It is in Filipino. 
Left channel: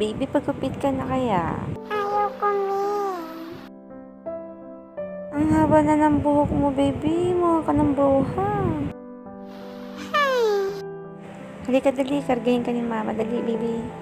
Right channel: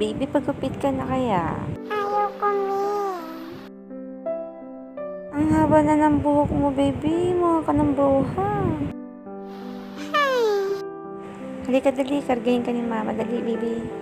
Baby, pagupit ka na kaya? Ayoko, me. Ang haba na ng buhok mo, baby. Mukha ka ng bruha. Hey. Halika, dali. Kargahin ka ni mama. Dali, baby.